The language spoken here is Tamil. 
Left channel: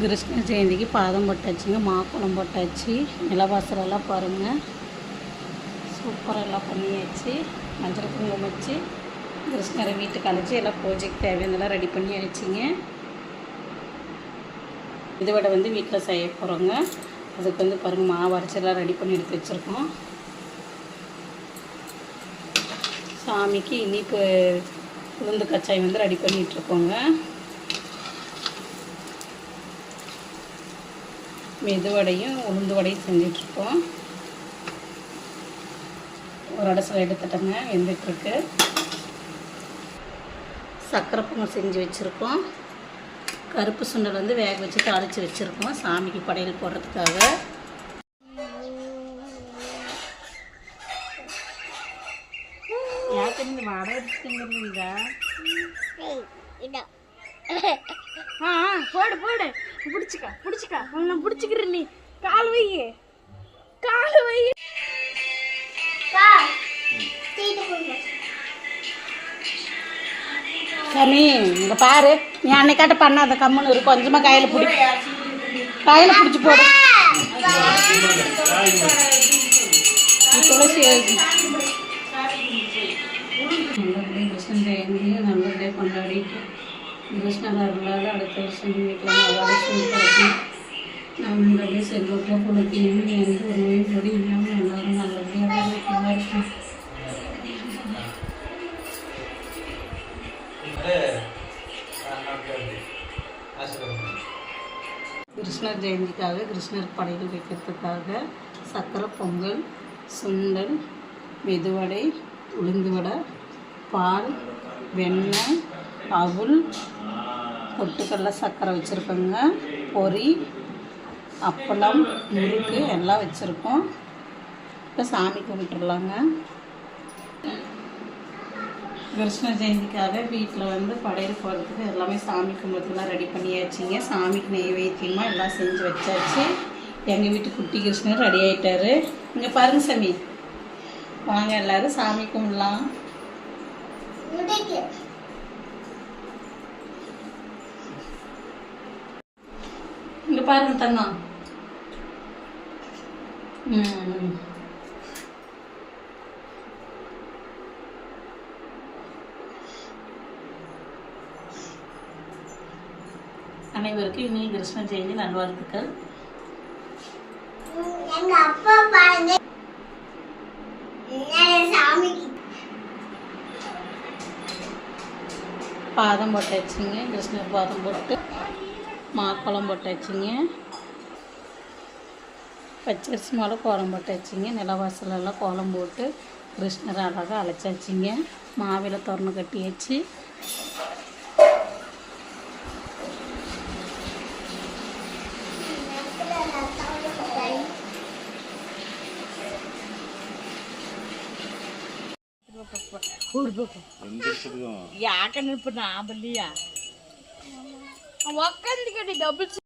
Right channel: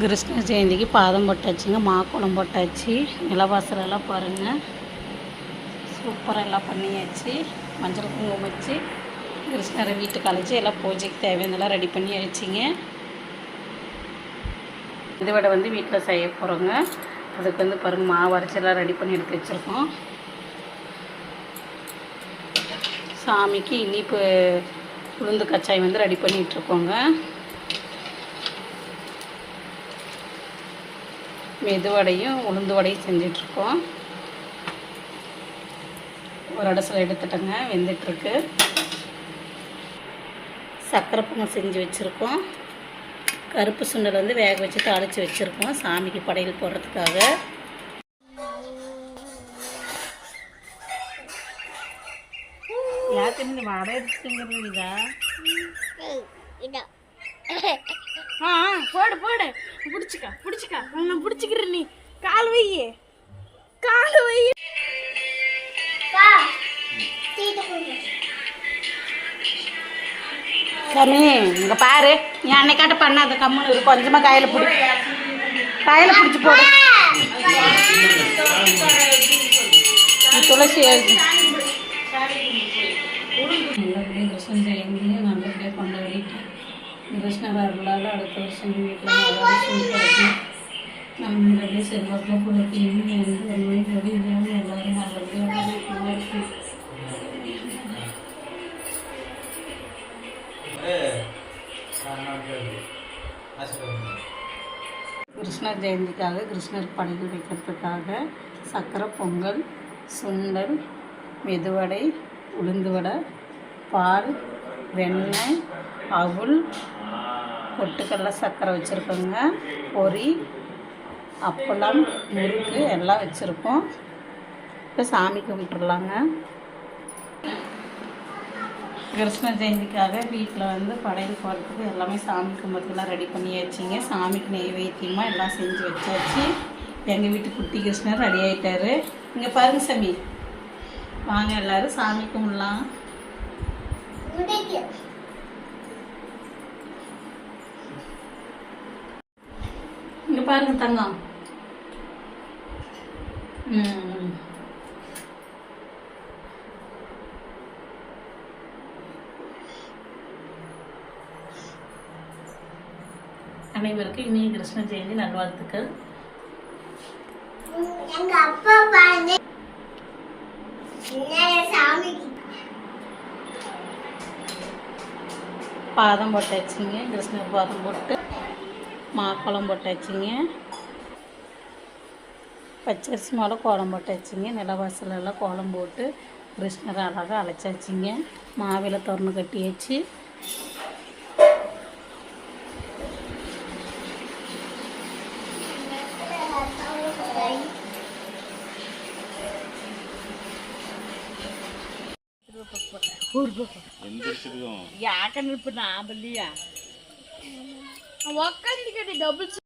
கிருஷ்ண ஜெயந்திக்கு பாதம் போட்டாச்சுங்க மாக்குளம் போட்டாச்சு. நிலவாசலெல்லாம் பாருங்கள் சூப்பராக எல்லாம் பண்ணியாச்சு. மஞ்சள் குங்குமம் வச்சு கிருஷ்ணரை வீட்டுக்கு அழைச்சி எல்லாம் பூஜைக்கு தேவையானதெல்லாம் ரெடி பண்ணி ஆயிடுச்சிங்க இதை விட வந்து வீட்டில் செய்ய போகிறோங்க அதுக்கு வந்து பாருங்கள் மாவு அரைச்செல்லாம் ரெடி பண்ணி எடுத்து வச்சுருக்கோம். சாமிக்கு இனிப்பு உளுந்து கச்சாயம் வந்து ரெடி பண்ணிகிட்ருக்கோங்க மெதுவடையும் உளுந்து வடையும் செஞ்சிட்ருக்கோம். ஒரு இடத்துல எடுத்துட்டேங்க வெந்துட்டுருக்கு சக்கரை பொங்கல் செஞ்சு வச்சுருக்கோம். கருப்பு சுண்டல் வந்து வேக வச்சு தாளித்து வச்சுருக்கோம் சாமிக்கு படையல் போடுறதுக்காக. போடு போடு. பிடிச்சிக்க பிடிச்சிக்க. உன்னை பிடிச்சிக்கிற நீ கால் வை. கால் வை. சாமி இங்கே பாரு. நீ அன்னைக்காட்ட பண்ணாத கம்முன்னு இரு கொஞ்சமாக கையில் பிடி. கையில் பிடிச்சி போடு. நீ துளசி எழுது. நல்லபடியாக கிருஷ்ணன் ஜெயந்தியை நல்லபடியாக கொண்டாடிட்டு கிருஷ்ணர் அருளால் அடுத்த வருஷம் வீட்டில் நல்லபடியாக கிடைக்கும் நாம் நல்லபடி செல்வத்தில் பிள்ளைக்கு எந்த ஒரு நோய் நொடி இல்லாமல் எல்லாரும் நல்லபடியாக நல்லா இருக்கும் கிருஷ்ணர் ஜெயந்திக்காக கிருஷ்ணர் படைகள் வைக்கிறதுக்காக சக்கரை பொங்கல் சுண்டல் மெதுவடை உளுந்து வடை பால் வெண்ணெய் அவுல் பொட்டுக்கடலை சர்க்கரை வச்சுருக்கோங்க பொரி அப்பளம் முறுக்கு எல்லாம் வச்சுருக்கோம். இப்போ சாமி கும்பிட்டுடலாங்க கிருஷ்ண ஜெயந்திக்காக வீட்டில் வந்து படையல் போகிறதுக்கு எல்லாமே சாமி கும்பிட்றதுலாம் ரெடி பண்ணியாச்சுங்க. சாமிக்கு நெய்வேத்தியமாக எல்லாம் செஞ்சு வச்சாச்சு. எங்கள் வீட்டு குட்டி கிருஷ்ணர் ரெடி ஆகிட்டாரு இங்கே பாருங்க சாமி. வாங்க எல்லாரும் சாமி கும்பிடலாம். பாருங்க தங்கம். அனைவருக்கும் இனிய கிருஷ்ண ஜெயந்தி நல்வாழ்த்துக்கள். எங்க அப்பா பாருங்க. பாதம் போட்டாச்சுங்க கிருஷ்ணர் பாதம் போட்டு. மாக்கோளம் போட்டாச்சுங்க பச்சரிசி மேலே கோலம் போட்டாச்சுங்க நிலவாசலெல்லாம் கோலம் போட்டு கிருஷ்ணரை அழகாக அழைச்சாச்சுங்க மாவில திறந்து கட்டியாச்சு ಯಾಕಂದ್ರೆ ನಾ ಬಲ್ಲಿಯ ఒక్కరికి డబ్బులు